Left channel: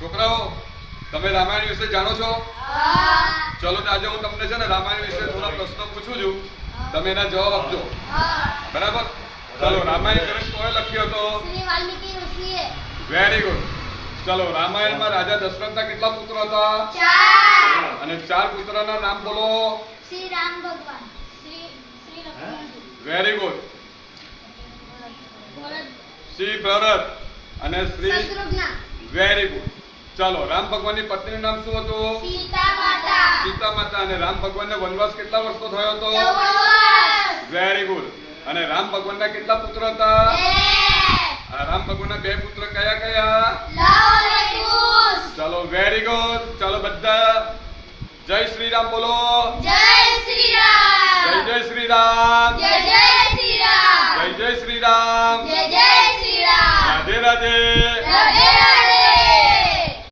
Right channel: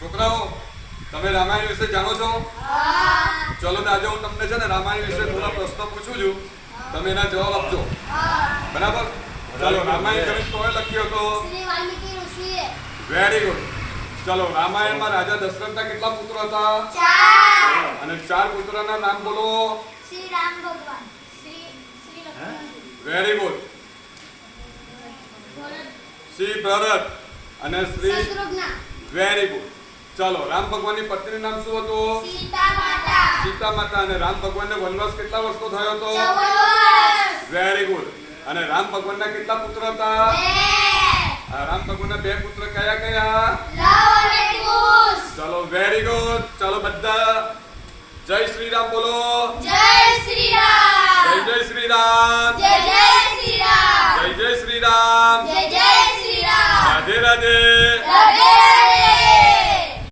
છોકરાઓ તમે રામાયણ વિશે જાણો છો? ચલો તો આજે હું તમને છે ને રામાયણ વિશે થોડા પ્રશ્નો પૂછું છું, તમે એના જવાબ આપજો. બરાબર? ચલો રામાયણ ગ્રંથ કોએ લખ્યો હતો? શ્રી વાલ્મીકી ઋષિએ. Very good. ચલો રામાયણમાં રાજા દશરથના કેટલા પુત્રો હતા? 4. અને 4 પુત્રના નામ બોલો. શ્રી રામ ભગવાન, શ્રી લક્ષ્મણ, વેરી ગુડ. શ્રી ભરત અને શ્રી શત્રુઘ્ન, વેરી ગુડ. ચલો રામ ભગવાનની પત્નીનું નામ શું હતું? સીતા માતા. સીતા માતા. અને રામ ભગવાનને વનવાસ કેટલા વર્ષનો થયો હતો? 14 વર્ષ. Very good. અને રામ ભગવાનના કેટલા પુત્ર હતા? 2. આ રામ ભગવાનના 2 પુત્ર કયા કયા? લવ અને કુશ. ચલો વેરી ગુડ. ચલો બધા જય શ્રી રામ બોલો. જય શ્રી રામ. જય શ્રી રામ. જય શ્રી રામ. જય શ્રી રામ. જય શ્રી રામ. રાધે રાધે. રાધે રાધે.